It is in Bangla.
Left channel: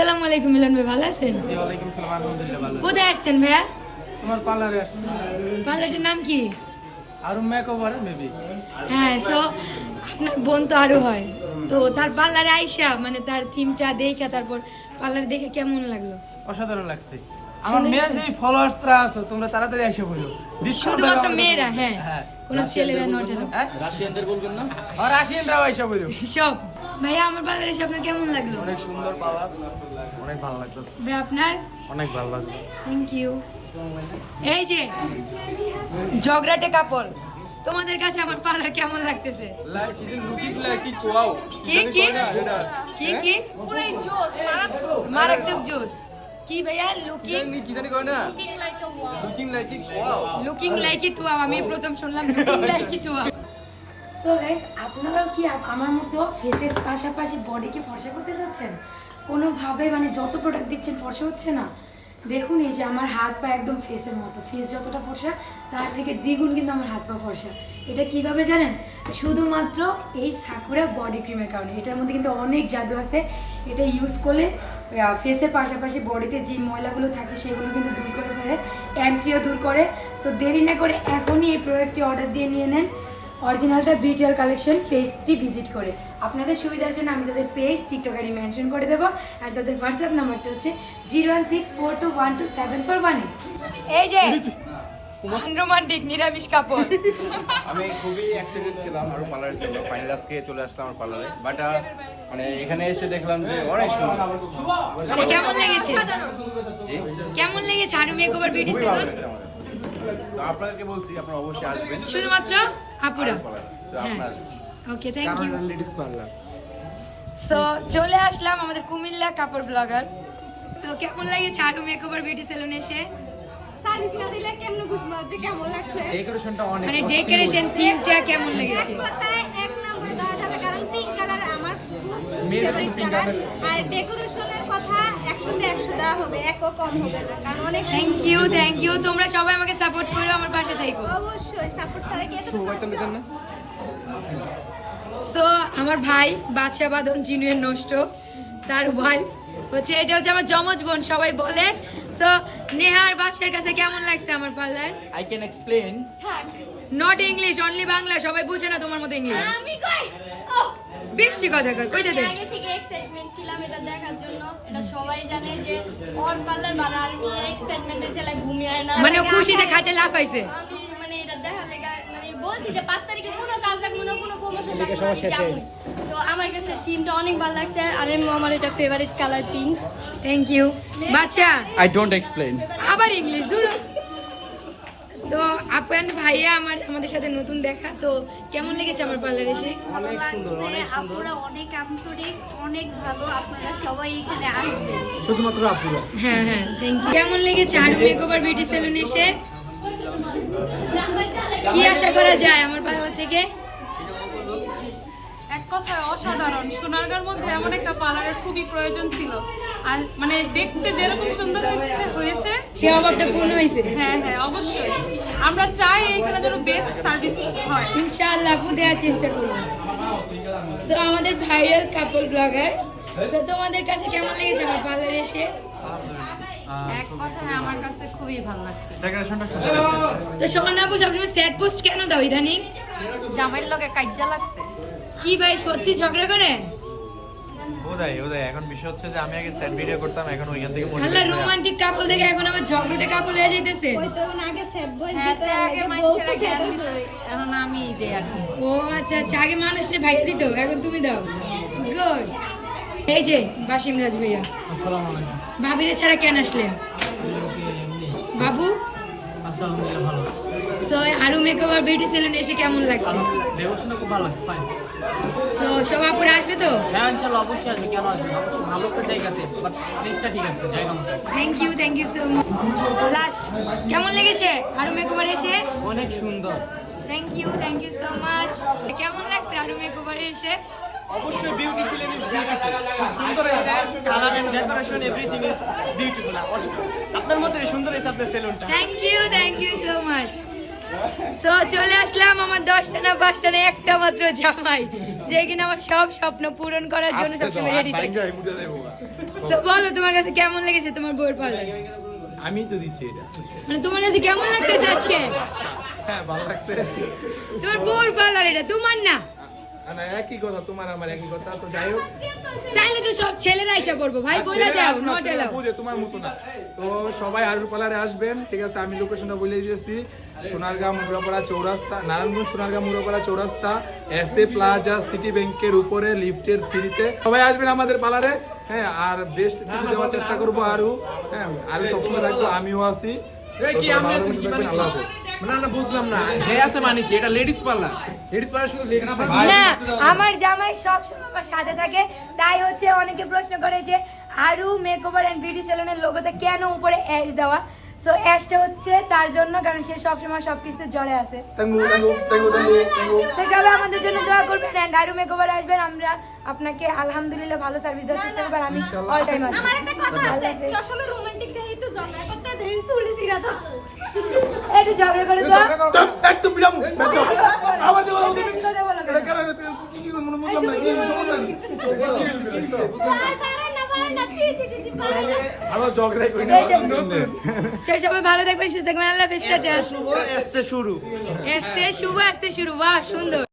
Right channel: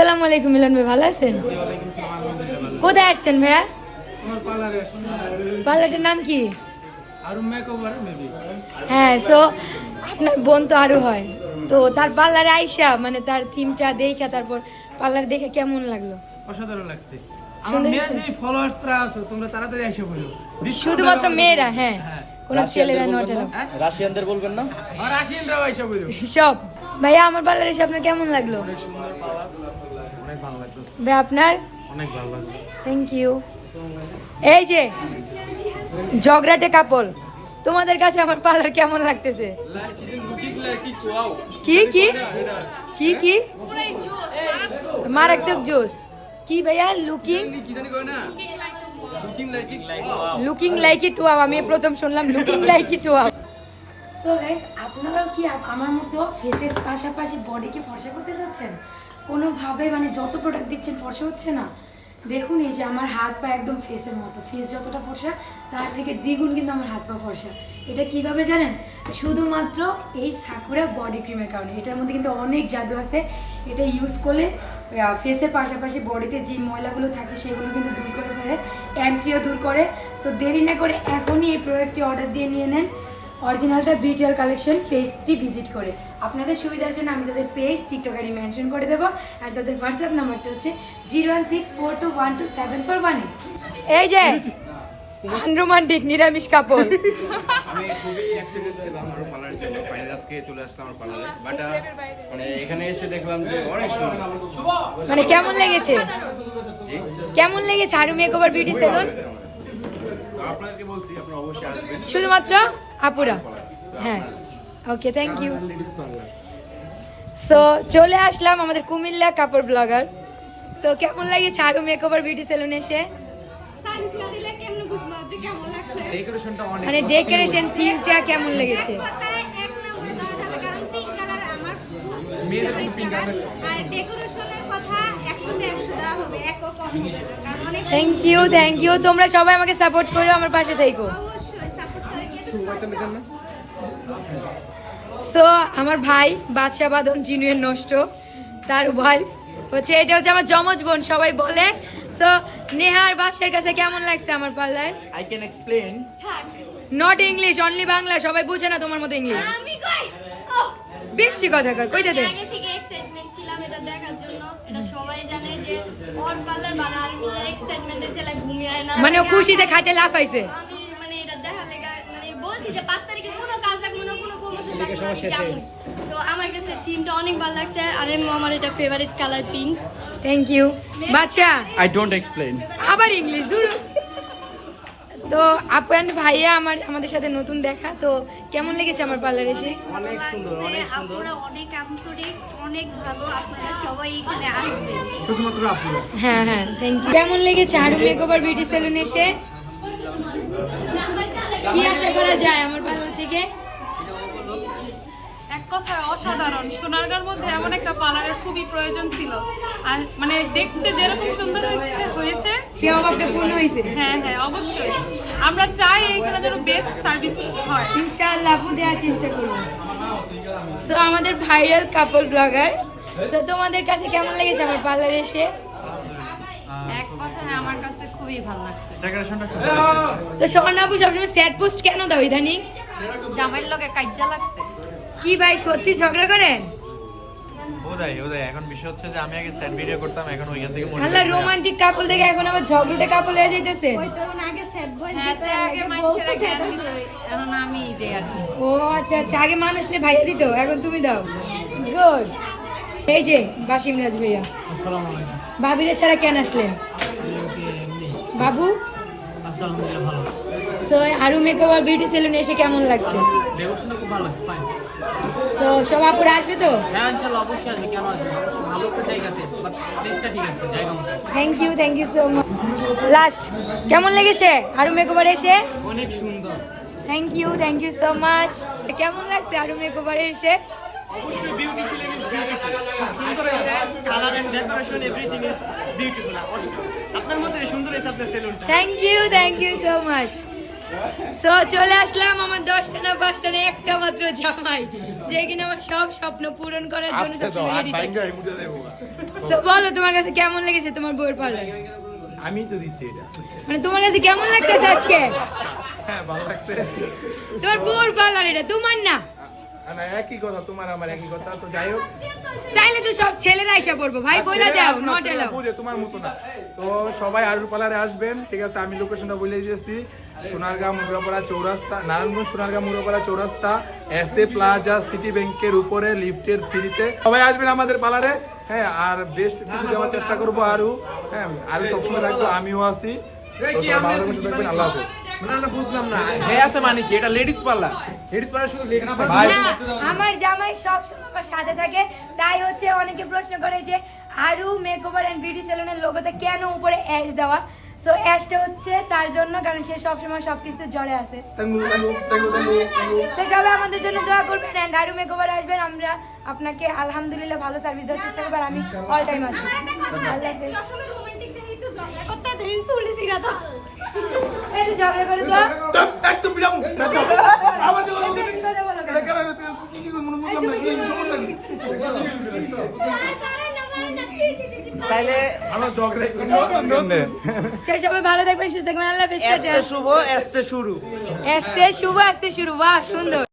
আসসালামু আলাইকুম মিলন ভাই ভালো আছেন? জি ওয়ালাইকুম সালাম আলহামদুলিল্লাহ ভালো কোথায় আসছেন ভাইয়া? তোমার পার্লারে আসছি। পার্লারটার নাম কি? আরু মেকওভার মেবি হ্যাঁ সো আপনার বোন তো আরও হয়। তো তার পার্লারে আইসা মানে তার থিমটা দেখে তারপর পার্লার দেখে কেমন লাগল? অসাধারণ লাগছে। আমার মেয়ে যে ফলোয়ার্সরা আছে তোমরা তাড়াতাড়ি এসে বলো। শুধুমাত্র মেয়েরা হ্যাঁ হ্যাঁ। কোনো ছেলেরা নট এলো হ্যাঁ? রাশিয়ানদের বলবেন না? আর রাশিয়ানরাও এসে বলো। সব। ভাইয়া আমার পার্লারে এসে আপনার কেমন লাগল? অনেক সুন্দর অনেক ভালো ভাই আপনার? অনেক ভালো লাগল। থ্যাংক ইউ এই যে ঝগড়াটে কাপল তোমাদের কাছে আমার পার্লার কেমন লাগতেছে? কি কি কি কি? কি মারাত্মক জোস কি ভাইয়া? লুকিং কি জানি কয় না? লুকিং লাইক কি লুকিং লাইক ইট ওয়াও আমি প্রথম শুনলাম looking like it wow so guys আপনারাও কি আমার মতো ফেসের পাশাপাশি বডিকে ফর্সা করতে যাচ্ছেন কোনোভাবে মানে যত প্রোডাক্ট দিচ্ছেন ফর্সা হচ্ছে না। দেখুন এই যে আমার হাত পা একদম ফেসের মতো। ফেস যতটা ফর্সা, তার থেকে দ্বিগুণ কিন্তু আমার হাত পা ফর্সা। এটা কীভাবে জানেন? শুধুমাত্র এই সাকুরা বডি ক্রিমের কারণে। এটার মধ্যে কিন্তু অনেক জাদু আছে। এটা ইউজ করলে ফেসের পাশাপাশি বডিতে যে ময়লাগুলো থাকে, সেগুলো কিন্তু দূর করে ফেলে অ্যান্টিও দূর করে। সো দেরি না করে এখনই এই প্রোডাক্টটি অর্ডার দিয়ে নিয়ে নেন। অরিজিনালটা বিটিআর কালেকশন পেজটি ভিজিট করে। আপনাদের সুবিধার জন্য আমি তাদের পেজ টিকটকারি মেনশন করে দেবো। আর তাদের হোয়াটসঅ্যাপ নাম্বারটা হচ্ছে zero one six four two one two seven four one এই যে রোমান্টিক নিরামিষ কাপড়। আমি খুবই এক্সাইটেড ছিলাম আরও পার্লারের জন্য। ফাইনাল আজকে চলে আসলাম আমার পার্লারে বাট মানে এখানে এসে দেখলাম যে অনেক সুন্দর। মানে কেমন লেগেছে? কেমন লেগেছে? আরু মেকওভার বিউটি সেলুন লেগেছে আমার কাছে। তো আপনাদেরকে বলছি আপনারা অবশ্যই আসবেন। শুধুমাত্র আপুরা? হ্যাঁ। Okay thank you ladies parlour so চলে আসলাম আমাদের কুমিল্লা কাপড় ব্লগার সো কেমন লাগেছে আরু মেকওভার বিউটি সেলুন এসে? মানে ডেকোরেশন থিমটা কেমন লেগেছে? এক কথায় এক নম্বর দেওয়া যাবে কারণ পিঙ্ক কালার আমার খুব মেয়েদের favorite pink colour। colour আর ডেকোরেশনের কথা একশোতে একশো দেওয়া হবে একও কম হবে না কারণ অনেক থ্যাংক ইউ থ্যাংক ইউ তোমরা সবাই আমাকে সাপোর্ট করো আমার পাশে থেকো। অবশ্যই সাপোর্ট সার্কেল সো আমার ভাই বাদশা বাদন জিনুয়ের নষ্ট তার ওয়াইফ হচ্ছে এটা হচ্ছে আমার জমজ বোন সবাই বলে। সো নেহার বাদশার কাছে কেমন লাগছে আমার পার্লার আই ক্যান এক্সপ্লেইন থাক। নট ইংলিশ অনলি বাংলা সবাই বুঝে না তোমার মতো ইংলিশ আমি কই? ও। বেশি কথা কর কইতে দে। এক্সাইটমেন্ট ছিলাম এটা দেখার জন্য। এটা সবাই জানে যে ওর এক্সাইটমেন্টের ছেলে ঘুমিয়ে না। মানে খুশিতে খাটে লাফাইছে আমি মানে এটা দেখা লেগা মানে বলছি যে পাঁচ তারিখে কোনো কাজ না কোনো প্রমোশন থাকবে না আমি তো আমার কাছে টিমটা অনেক ভালো লাগছে আর আমার এটা favourite colour pink thank you বাচ্চা। আই ডোন্ট এক্সপ্লেইন আবার ইংলিশ দূর। তো আপু and ভাইয়া আমার আমাদের সাথে নতুন দেখা তো কেমন লেগেছে আমার পার্লার এসে? অনেক সুন্দর অনেক সুন্দর। অনেক আন্তরিক অনেক ভালো আপনারা সবাই এখানে আসবেন। শুধুমাত্র আপুরা। হ্যাঁ হ্যাঁ থ্যাংক ইউ কেমন লেগেছে আর মেকওভার বিউটি সেলুন এসে? কি আশা করা যায় আমার পার্লার থেকে? এক কথায় অসাধারণ। সোনারগাঁর মধ্যে এমন একটা পার্লারের খুবই প্রয়োজন ছিল। আর মানে দেখতে যেরকম সুন্দর হয়েছে হয়েছে সে অভাবটা পূর্ণ হয়েছে। হ্যাঁ হ্যাঁ অবশ্যই। আমরা চাই এখানে যেন বেস্ট সার্ভিস হয়। ইনশাআল্লাহ আপু দেওয়ার চেষ্টা করব। তো আমাদের ভাইরাল কাপল ব্লগার তো তোমাদের কাছে কেমন লেগেছে আমার পার্লারে এসে? এক কথায় আমার কাছে খুবই ভালো লাগছে। ডেকোরেশনটা সুন্দর আছে তো আপু সবসময় স্যাড পোস্ট কেন দাও ইদানিং? জামাইয়ের লগে কাজ্জা লাগছে। কি ভাই সত্যি ঝগড়া করেন? ওদাই ওদাই এখন বিষয় হচ্ছে যে আমি আগে সেট ভিডিও করতাম এখন ওইখান থেকে মনে আল্লাহ রোমান্টিক কাপল দেখে এখন আবার ঝগড়াটে কাপল হয়ে যাইতেছে। ওই তো আগে বই হ্যাঁ আগে মাইছেরা জ্ঞান দিত এখন আমি দেই আর ও আচ্ছা আচ্ছা আগে মানুষরে ভাইয়া দিত এখন তুমি দাও। গুড এই যে বাসিম রাজ ভাইয়া। আসসালামু আলাইকুম। ভাবিরে ছাড়া কেন আসলেন? বাবু? আলহামদুলিল্লাহ ভালো so Aru makeover beauty salon এসে কেমন লাগছে? ডেকোরেশনটা খুব ভালো লাগছে ফাইন সো সব আপুরা আসবে তো? হ্যাঁ ইনশাআল্লাহ অবশ্যই আসবে কেন আসবে অবশ্যই ভালো একটা জায়গা আছে বাট প্লেসটা ঠিক আছে জায়গা মতো thank you thank you so much last কেমন লেগেছে আরু মেকওভার এসে? অনেক সুন্দর। Thank you thank you so much কেমন লাগছে আরু মেকওভার এসে? অবশ্যই বিউটি ফিল্ম ইজ বিউটিফুল সুন্দর হয়েছে colour and decoration everything is beautiful আপনার মধ্যে সুন্দর হয়েছে আপনার সেলুনটা thank you thank you so much so চলে আসলাম আমার দশটা না পাঁচটা না একটা মাত্র জামাই যে কিনা আমার সব স্বপ্ন পূরণ করার জন্য সবসময় রেডি থাকে। বলো তোমার কাছে কেমন লেগেছে? তোমার বউয়ের পার্লার আমি তো দিছি এটা। মানে তোমার কাছে কেমন লাগতেছে আজকে? হ্যাঁ ভালো লাগছে। তোমার বউয়ের পার্লার এটা তোমার না? না একই কথা তোমার আমার একই কথা তো যাই হোক। তাইলে তো সব ছেলেরা এসে ভাই বলে ছেলেরা দাও নট এলাও বুঝে তোমার মতো না। তো সবাই আরুর পালারে আসবেন ঠিক আছে আমি লোকেশনটা বলে দিয়েছি। Sonargaon Mugrapara Chowrasta Narayanganj Sonargaon Mugrapara Chowrasta S A plaza city ব্যাংকের উপরে লিফটের ফ্রিতে। সবাই আসবেন আমাদের পার্লারে। হ্যাঁ আর বেস্ট কিছু দেওয়ার চেষ্টা করব আরু। হ্যাঁ আরু সবসময় থাকব আমিও আল্লাহ হাফেজ। বুঝলাম না। আছে মানে কি? এটা লেডিস পার্লার লেডিস পার্লার শুধু লেডিস না আমার জামাই সব সময় আমার সাথে থাকে। তাই হচ্ছে অনেকে প্রশ্ন করে যে আরু মেকওভার এন্ড বিউটি সেলুনের লোগোতে কেন উপরে অ্যাশ দেওয়া? সো অ্যাশটা হচ্ছে তার জন্য কারণ সে সবসময় আছে থ্যাংক ইউ থ্যাংক ইউ সে সবাই আমাদের জন্য দোয়া করবেন এন্ড আরু মেকওভার আসবেন আমরা আপনাকে আলহামদুলিল্লাহ ভালো সার্ভিস দেওয়ার চেষ্টা করব আর আমি অল টাইম আসব আমার একটা ঝগড়া করে দাও একদম বিরাম আমার কথা বলতে বেশি কথা বলো কেন? কেন কি কি মনে বুঝলাম সমস্যা কি তাহলে আমার ঝগড়াই কই না সে সবাই ভালো থাকবেন সুস্থ থাকবেন আল্লাহ হাফেজ। শুভ আসতে শুরু। আস্তে শুভ আসতে শুরু। বাহ সুন্দর।